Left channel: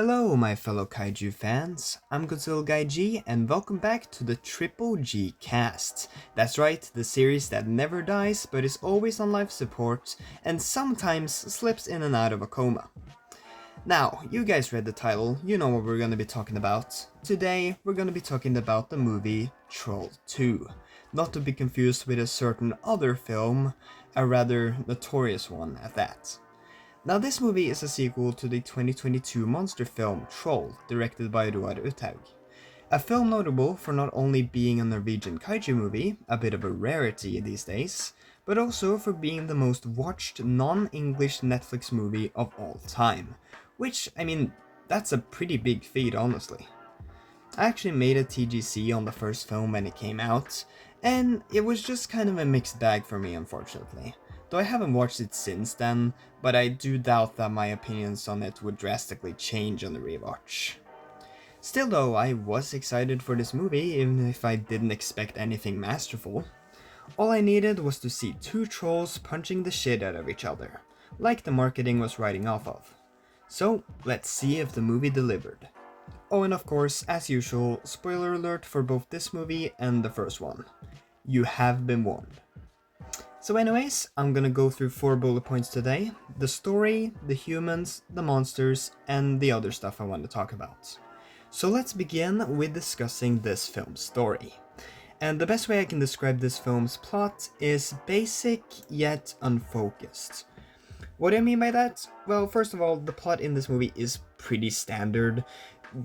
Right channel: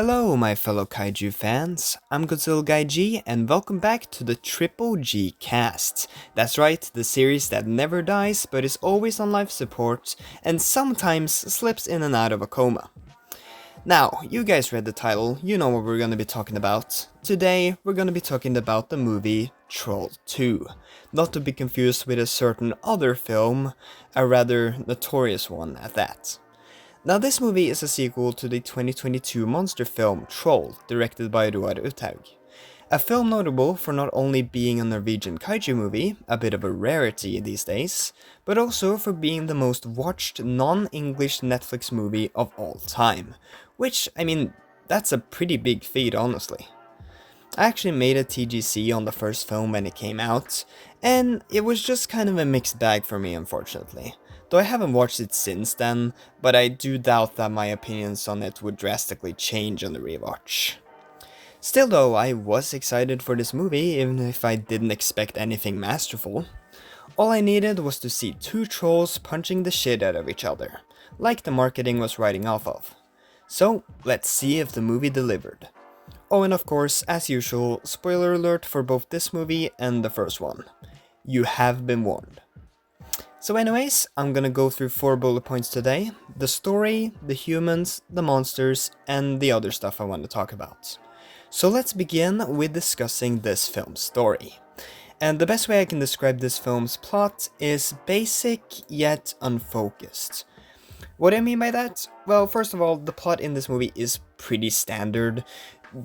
Hello, my fellow kaiju fans. I'm Godzilla Guy G, and welcome back to the Triple G Cast. That's right, the series that never dies but is always on life support and sometimes slips in and out of a coma. Now, you guys read the title, you know what we're gonna be talking about. Today, we're gonna be talking about the movie Troll 2. Not to be confused with a certain other film, a rather notorious one at that. Now, this movie is a sequel to the 2022 monster film Troll, directed by Roar Uthaug. A film notable for not only being a Norwegian kaiju movie, a bit of a rarity these days, but also for being the most watched non-English Netflix movie of all time. Which, I mean, that's a pretty big feat, honestly. I actually made a TGC on the first film when it came out, and it was just kind of a mixed bag for me, unfortunately. Though I haven't watched it since then, but I do doubt that my opinions on it would drastically change on the rewatch. Still though, I was excited for this movie, even if I didn't expect anything masterful. All I needed was to see two trolls punching the shit out of each other, like the marketing was writing off of. So, let's see if the movie delivered. Oh, and of course, as usual, spoiler alert for both this movie and the first one. You have been warned. So anyways, I'm gonna go through 4 bullet points today. The story, the humans, the monsters, and the other stuff I want to talk about. So let's begin with discussing this film's story. And the best way I can describe this film's plot is basic yet unfocused. What do I mean by that? Well, first of all, the plot in this movie is pretty standard.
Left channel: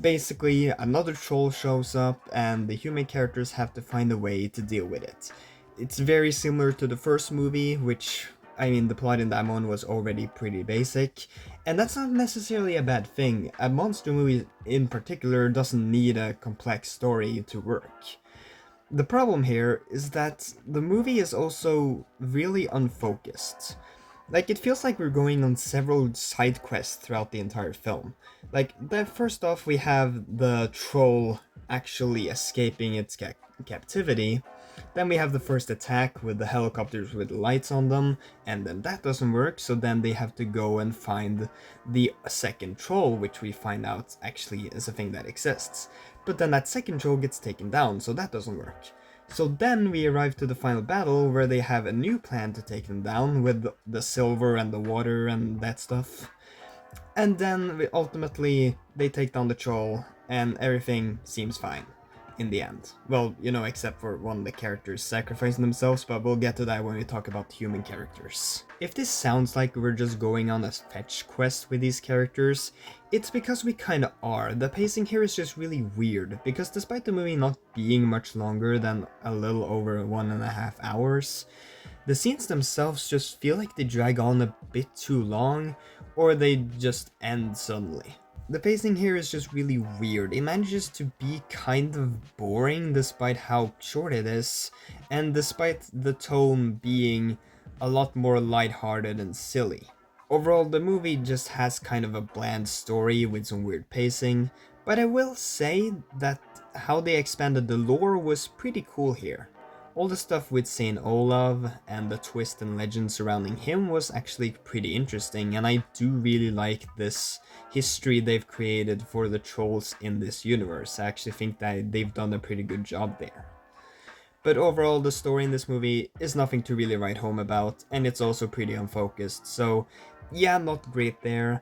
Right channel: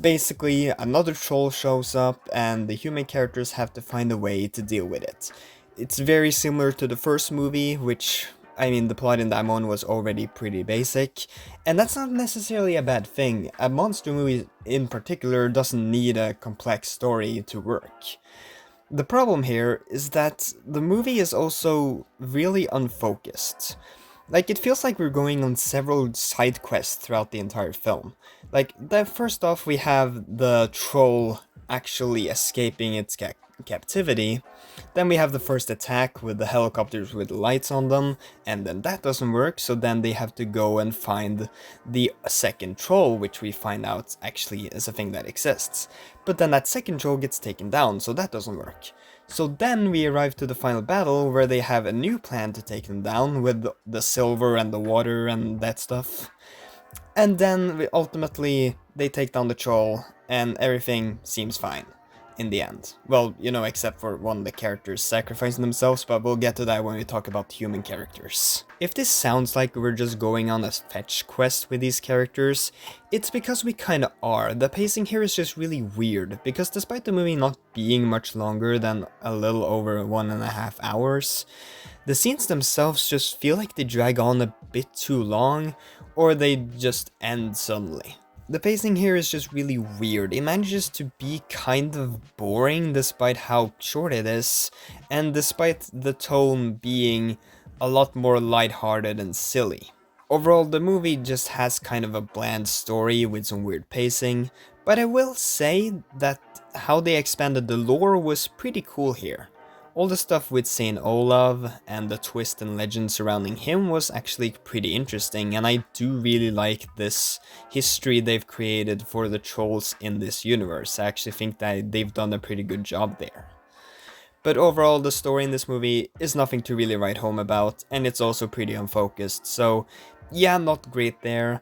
Basically, another troll shows up and the human characters have to find a way to deal with it. It's very similar to the first movie, which, I mean, the plot in that one was already pretty basic, and that's not necessarily a bad thing. A monster movie in particular doesn't need a complex story to work. The problem here is that the movie is also really unfocused. Like, it feels like we're going on several side quests throughout the entire film. Like, first off, we have the troll actually escaping its captivity. Then we have the first attack with the helicopters with lights on them, and then that doesn't work, so then they have to go and find the second troll, which we find out actually is a thing that exists. But then that second troll gets taken down, so that doesn't work. So then we arrive to the final battle where they have a new plan to take them down with the silver and the water and that stuff. And then ultimately they take down the troll and everything seems fine in the end. Well, you know, except for one of the characters sacrificing themselves, but we'll get to that when we talk about human characters. If this sounds like we're just going on a fetch quest with these characters, it's because we kinda are. The pacing here is just really weird, because despite the movie not being much longer than a little over 1.5 hours, the scenes themselves just feel like they drag on a bit too long, or they just end suddenly. The pacing here is just really weird. It manages to be kind of boring despite how short it is, and despite the tone being a lot more lighthearted and silly. Overall, the movie just has kind of a bland story with some weird pacing, but I will say that how they expanded the lore was pretty cool here. All the stuff with Saint Olaf and the twist and legend surrounding him was actually pretty interesting, and I do really like this history they've created for the trolls in this universe. I actually think that they've done a pretty good job there. But overall, the story in this movie is nothing to really write home about, and it's also pretty unfocused, so yeah, not great there,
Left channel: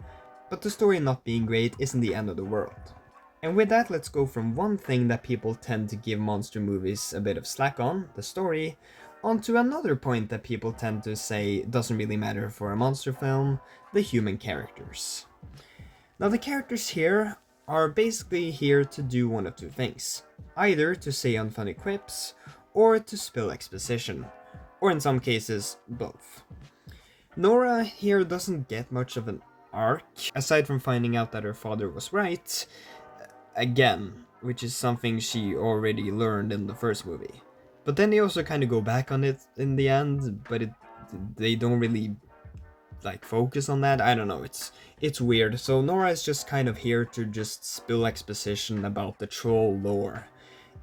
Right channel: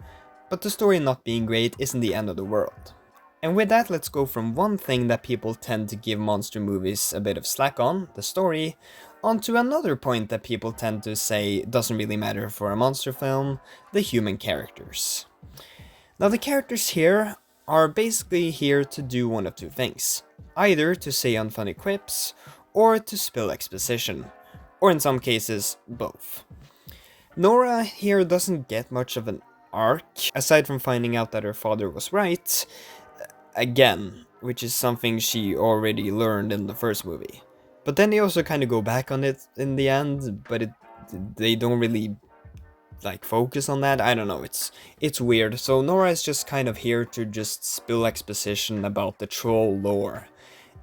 but the story not being great isn't the end of the world. And with that, let's go from one thing that people tend to give monster movies a bit of slack on, the story, onto another point that people tend to say doesn't really matter for a monster film, the human characters. Now, the characters here are basically here to do one of two things. Either to say unfunny quips, or to spill exposition. Or in some cases, both. Nora here doesn't get much of an arc, aside from finding out that her father was right, again, which is something she already learned in the first movie. But then they also kind of go back on it in the end, but they don't really like focus on that. I don't know, it's weird. So Nora is just kind of here to just spill exposition about the troll lore.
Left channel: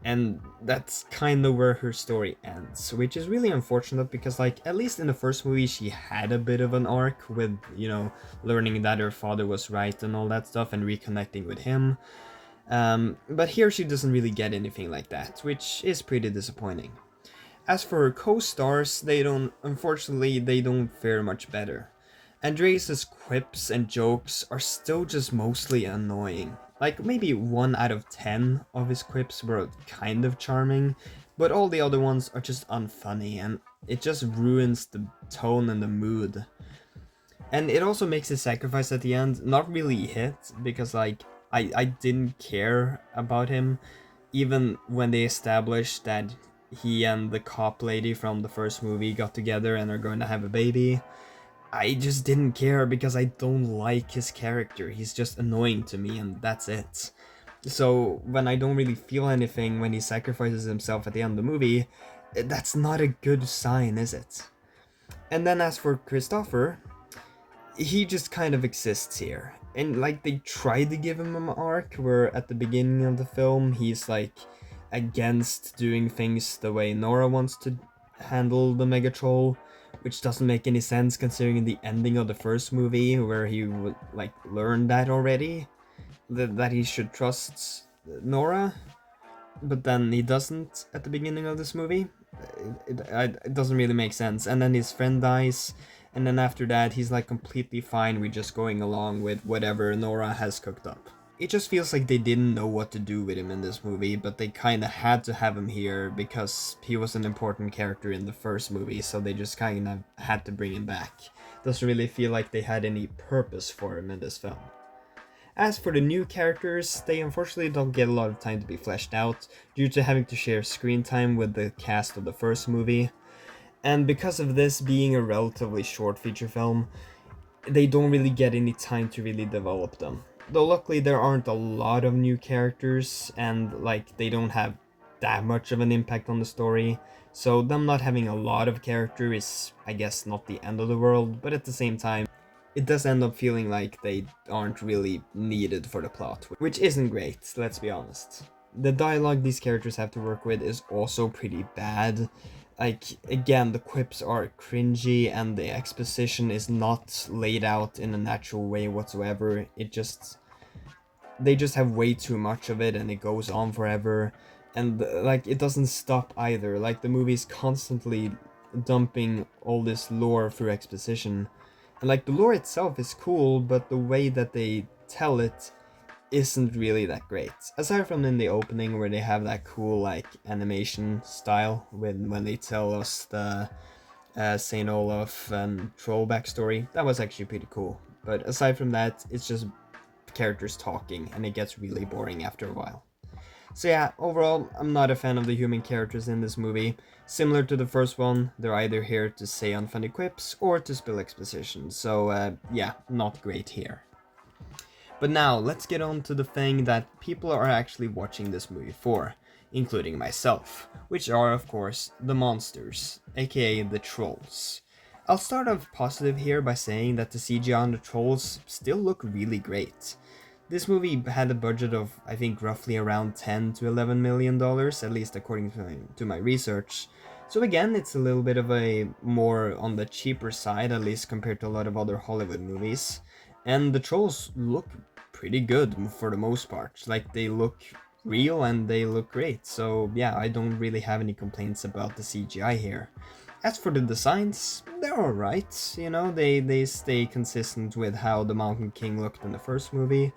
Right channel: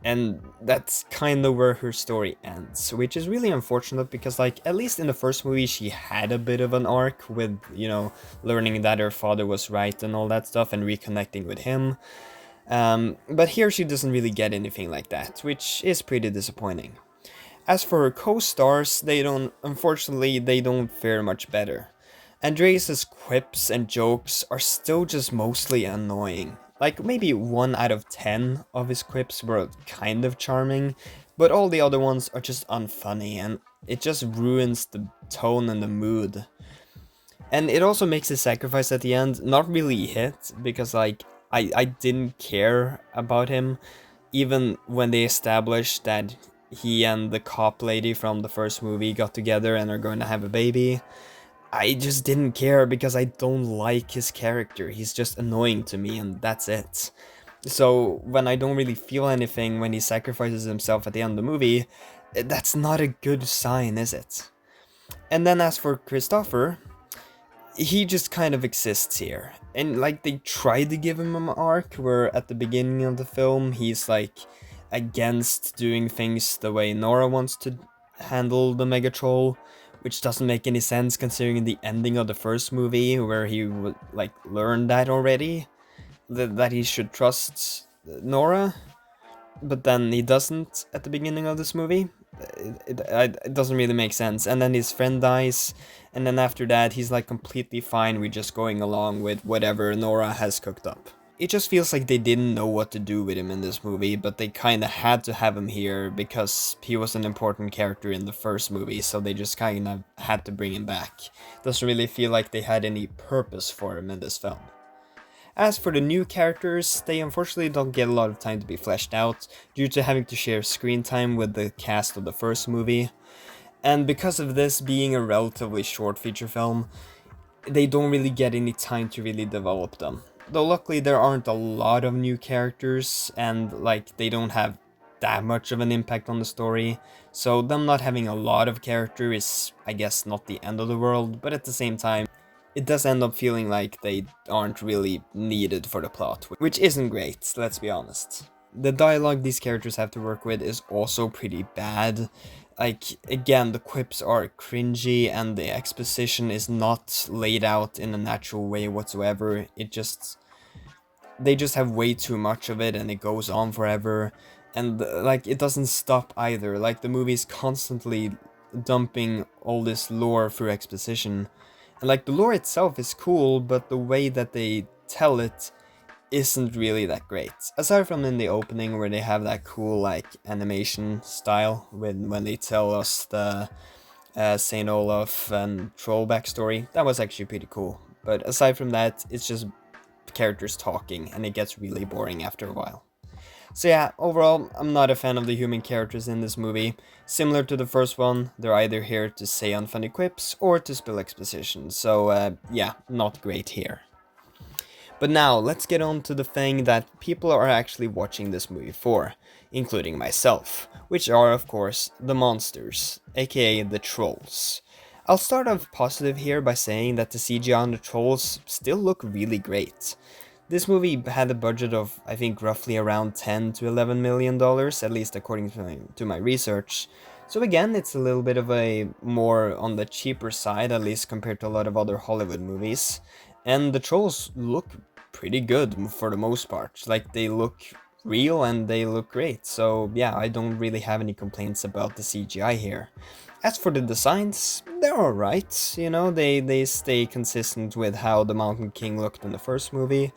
And that's kind of where her story ends, which is really unfortunate because, like, at least in the first movie, she had a bit of an arc with, learning that her father was right and all that stuff and reconnecting with him. But here she doesn't really get anything like that, which is pretty disappointing. As for her co-stars, unfortunately, they don't fare much better. Andreas' quips and jokes are still just mostly annoying. Like, maybe 1 out of 10 of his quips were kind of charming, but all the other ones are just unfunny, and it just ruins the tone and the mood. And it also makes his sacrifice at the end not really hit, because, like, I didn't care about him, even when they established that he and the cop lady from the first movie got together and are going to have a baby. I just didn't care because I don't like his character. He's just annoying to me, and that's it. So when I don't really feel anything when he sacrifices himself at the end of the movie, that's not a good sign, is it? And then as for Christopher, he just kind of exists here. And like they tried to give him an arc where at the beginning of the film he's like against doing things the way Nora wants to handle the Megatroll, which doesn't make any sense considering the ending of the first movie where he would like learn that already, that he should trust Nora, but then he doesn't at the beginning of this movie. It doesn't really make sense. And then his friend dies, and then after that he's like completely fine with just going along with whatever Nora has cooked up. It just feels like they didn't know what to do with him in this movie, but they kinda had to have him here because he was an important character in the first movie, so they just kinda had to bring him back. Doesn't really feel like they had any purpose for him in this film. As for the new characters, they unfortunately don't get a lot of time to be fleshed out due to having to share screen time with the cast of the first movie. And because of this being a relatively short feature film, they don't really get any time to really develop them. Though luckily there aren't a lot of new characters and like they don't have that much of an impact on the story. So them not having a lot of character is, I guess, not the end of the world, but at the same time, it does end up feeling like they aren't really needed for the plot, which isn't great, let's be honest. The dialogue these characters have to work with is also pretty bad. Like, again, the quips are cringy and the exposition is not laid out in a natural way whatsoever. They just have way too much of it and it goes on forever. And, like, it doesn't stop either. Like, the movie's constantly dumping all this lore through exposition. And, like, the lore itself is cool, but the way that they tell it isn't really that great. Aside from in the opening where they have that cool like animation style when they tell us the Saint Olaf and troll backstory, that was actually pretty cool. But aside from that, it's just characters talking and it gets really boring after a while. So yeah, overall, I'm not a fan of the human characters in this movie. Similar to the first one, they're either here to say unfunny quips or to spill exposition, so yeah, not great here. But now, let's get on to the thing that people are actually watching this movie for, including myself, which are of course the monsters, aka the trolls. I'll start off positive here by saying that the CGI on the trolls still look really great. This movie had a budget of, I think, roughly around $10 to $11 million, at least according to my research. So again, it's a little bit of a more on the cheaper side, at least compared to a lot of other Hollywood movies. And the trolls look pretty good for the most part. Like, they look real and they look great. So yeah, I don't really have any complaints about the CGI here. As for the designs, they're alright, they stay consistent with how the Mountain King looked in the first movie,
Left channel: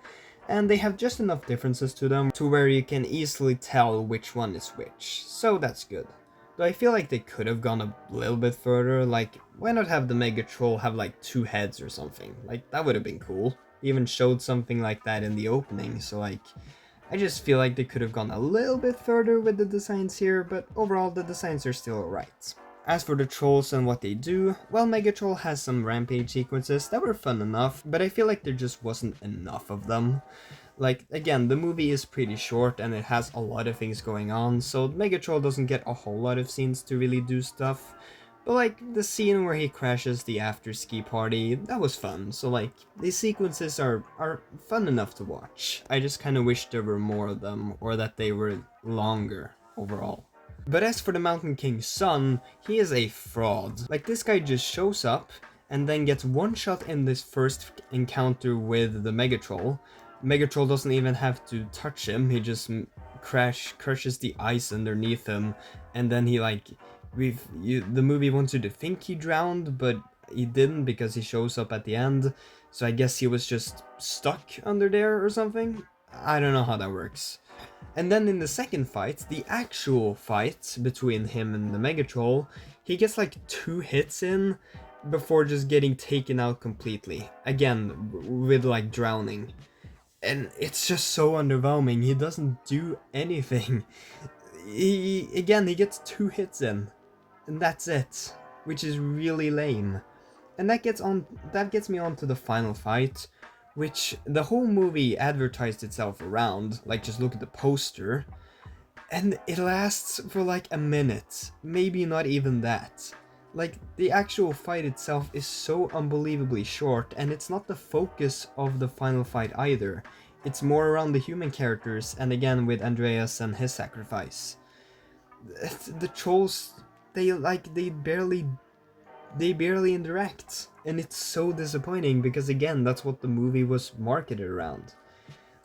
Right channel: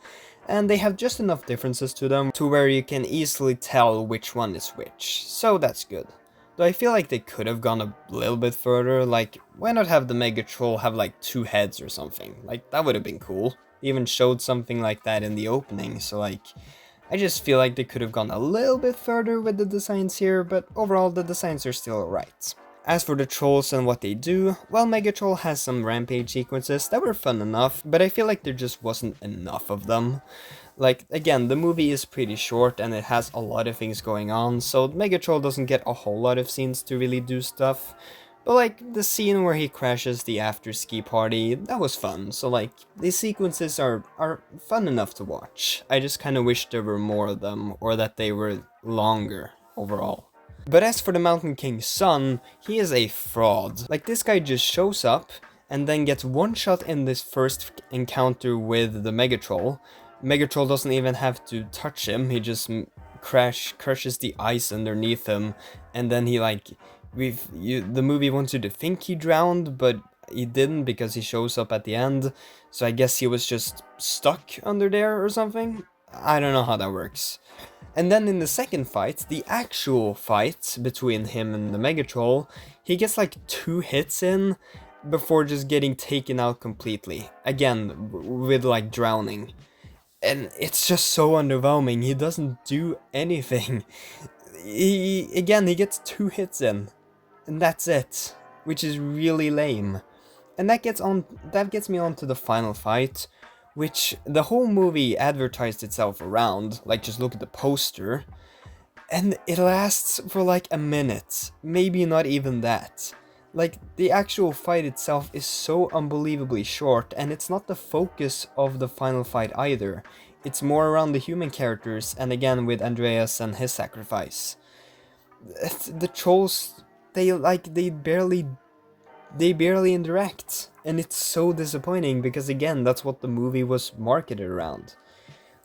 and they have just enough differences to them to where you can easily tell which one is which, so that's good. Though I feel like they could have gone a little bit further, like, why not have the Mega Troll have like 2 heads or something? Like, that would have been cool. They even showed something like that in the opening, so like, I just feel like they could have gone a little bit further with the designs here, but overall the designs are still alright. As for the trolls and what they do, well, Megatroll has some rampage sequences that were fun enough, but I feel like there just wasn't enough of them. Like, again, the movie is pretty short and it has a lot of things going on, so Megatroll doesn't get a whole lot of scenes to really do stuff. But like, the scene where he crashes the after-ski party, that was fun, so like, these sequences are fun enough to watch. I just kinda wish there were more of them, or that they were longer. overall. But as for the Mountain King's son, he is a fraud. Like, this guy just shows up and then gets one shot in this first encounter with the Megatroll. Megatroll doesn't even have to touch him, he just crushes the ice underneath him, and then he like, the movie wants you to think he drowned, but he didn't because he shows up at the end, so I guess he was just stuck under there or something? I don't know how that works. And then in the second fight, the actual fight between him and the Megatroll, he gets like 2 hits in before just getting taken out completely. Again, with like drowning. And it's just so underwhelming, he doesn't do anything. He gets 2 hits in, and that's it, which is really lame. And that gets me on to the final fight, which the whole movie advertised itself around. Like, just look at the poster, and it lasts for like a minute, maybe not even that. Like, the actual fight itself is so unbelievably short, and it's not the focus of the final fight either. It's more around the human characters, and again with Andreas and his sacrifice. The trolls, they barely interact, and it's so disappointing because again, that's what the movie was marketed around.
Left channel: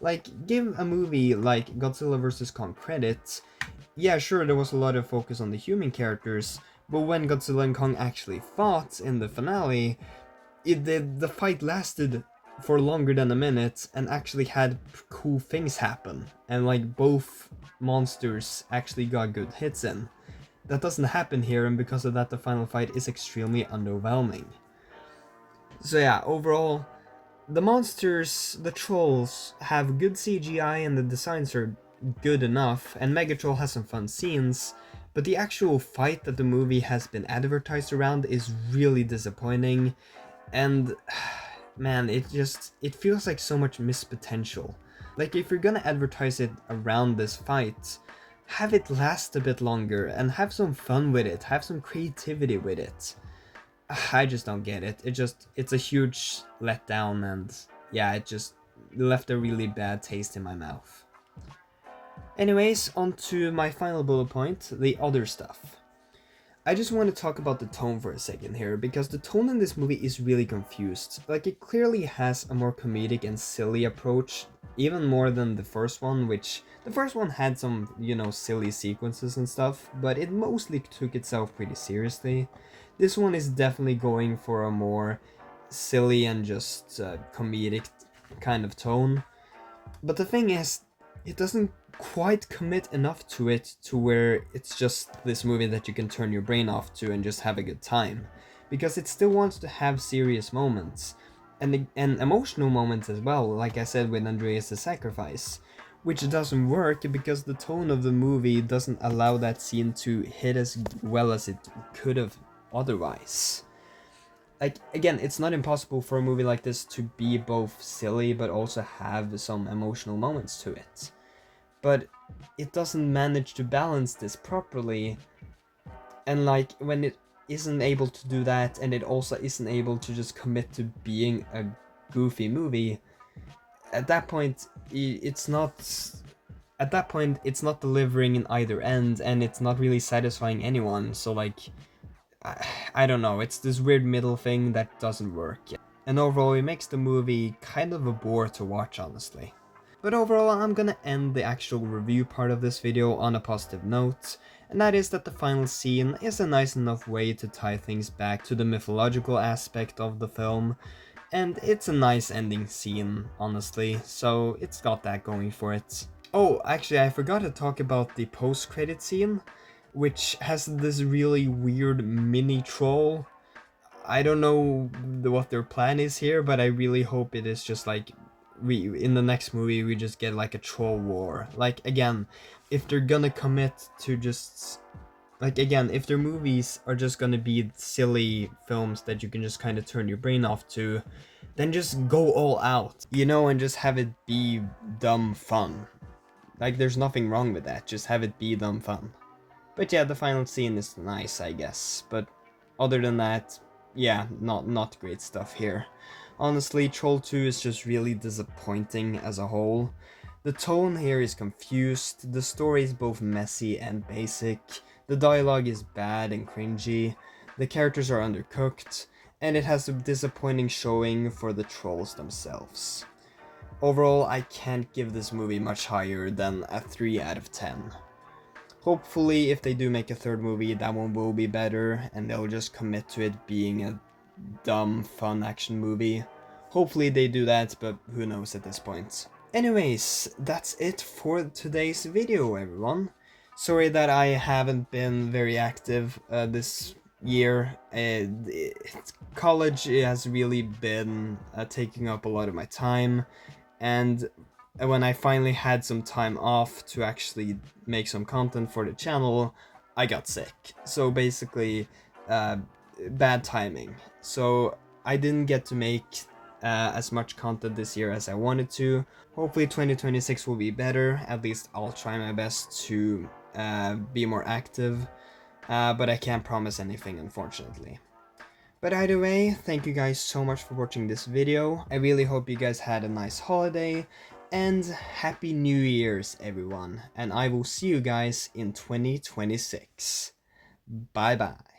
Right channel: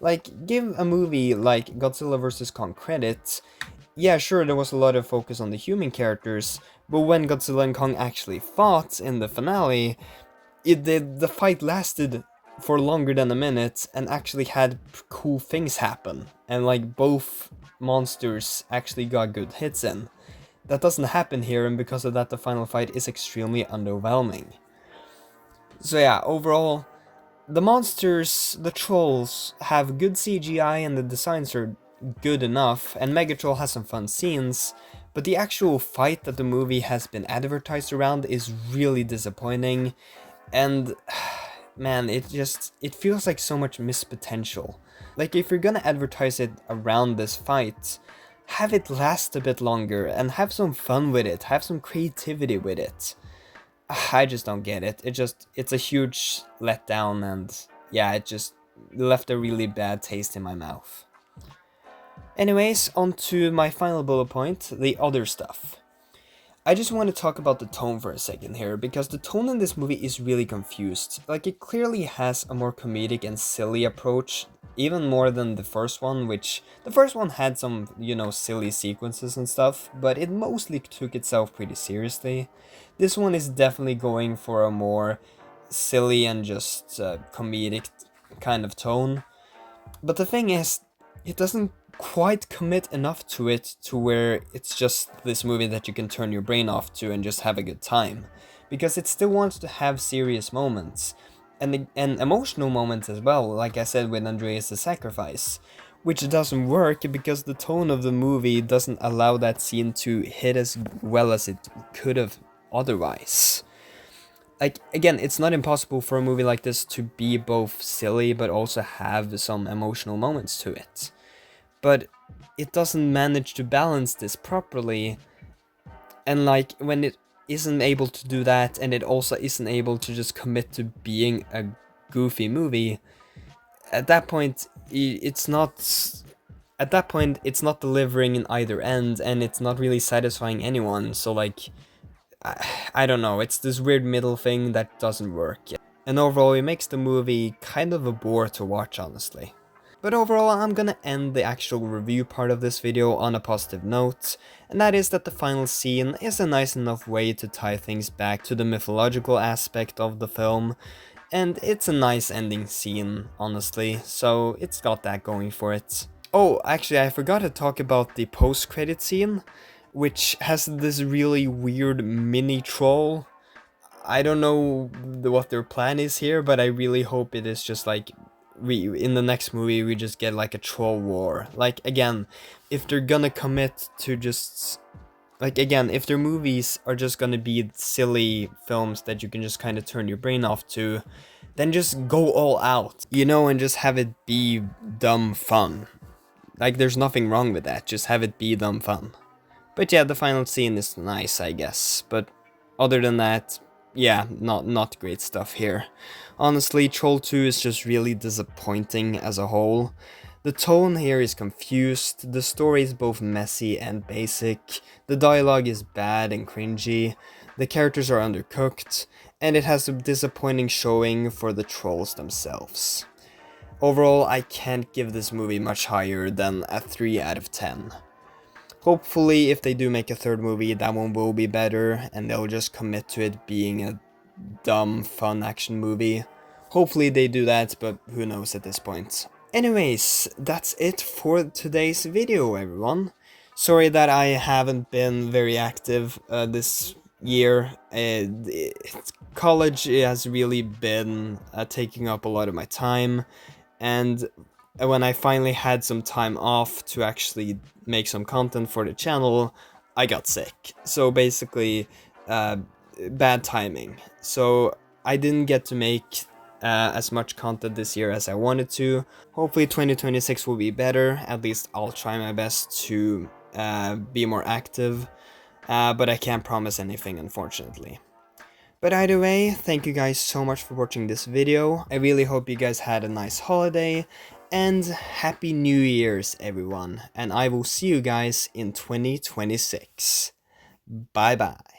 Like, give a movie like Godzilla vs. Kong credit. Yeah, sure, there was a lot of focus on the human characters, but when Godzilla and Kong actually fought in the finale, the fight lasted for longer than a minute and actually had cool things happen, and like both monsters actually got good hits in. That doesn't happen here, and because of that the final fight is extremely underwhelming. So yeah, overall, the monsters, the trolls, have good CGI and the designs are good enough, and Megatroll has some fun scenes, but the actual fight that the movie has been advertised around is really disappointing, and man, it feels like so much missed potential. Like, if you're gonna advertise it around this fight, have it last a bit longer and have some fun with it, have some creativity with it. I just don't get it. It's a huge letdown, and yeah, it just left a really bad taste in my mouth. Anyways, on to my final bullet point, the other stuff. I just want to talk about the tone for a second here, because the tone in this movie is really confused. Like, it clearly has a more comedic and silly approach, even more than the first one, which the first one had some, silly sequences and stuff, but it mostly took itself pretty seriously. This one is definitely going for a more silly and just comedic kind of tone. But the thing is, it doesn't quite commit enough to it to where it's just this movie that you can turn your brain off to and just have a good time, because it still wants to have serious moments and emotional moments as well, like I said with Andreas the Sacrifice, which doesn't work because the tone of the movie doesn't allow that scene to hit as well as it could have otherwise. Like, again, it's not impossible for a movie like this to be both silly but also have some emotional moments to it. But it doesn't manage to balance this properly, and like, when it isn't able to do that, and it also isn't able to just commit to being a goofy movie, at that point it's not delivering in either end, and it's not really satisfying anyone. So like, I don't know, it's this weird middle thing that doesn't work. And overall, it makes the movie kind of a bore to watch, honestly. But overall, I'm gonna end the actual review part of this video on a positive note, and that is that the final scene is a nice enough way to tie things back to the mythological aspect of the film, and it's a nice ending scene, honestly, so it's got that going for it. Oh, actually, I forgot to talk about the post-credit scene, which has this really weird mini troll. I don't know what their plan is here, but I really hope it is just like, in the next movie we just get like a troll war. Like, again, if they're gonna commit to just, like, again, if their movies are just gonna be silly films that you can just kind of turn your brain off to, then just go all out, and just have it be dumb fun. Like, there's nothing wrong with that, just have it be dumb fun. But yeah, the final scene is nice, I guess, but other than that, yeah, not great stuff here. Honestly, Troll 2 is just really disappointing as a whole. The tone here is confused, the story is both messy and basic, the dialogue is bad and cringy, the characters are undercooked, and it has a disappointing showing for the trolls themselves. Overall, I can't give this movie much higher than a 3 out of 10. Hopefully, if they do make a third movie, that one will be better, and they'll just commit to it being a dumb, fun action movie. Hopefully they do that, but who knows at this point. Anyways, that's it for today's video, everyone. Sorry that I haven't been very active this year. College has really been taking up a lot of my time, and when I finally had some time off to actually make some content for the channel, I got sick. So basically, bad timing. So I didn't get to make as much content this year as I wanted to. Hopefully 2026 will be better. At least I'll try my best to be more active. But I can't promise anything, unfortunately. But either way, thank you guys so much for watching this video. I really hope you guys had a nice holiday, and Happy New Year's everyone, and I will see you guys in 2026. Bye bye.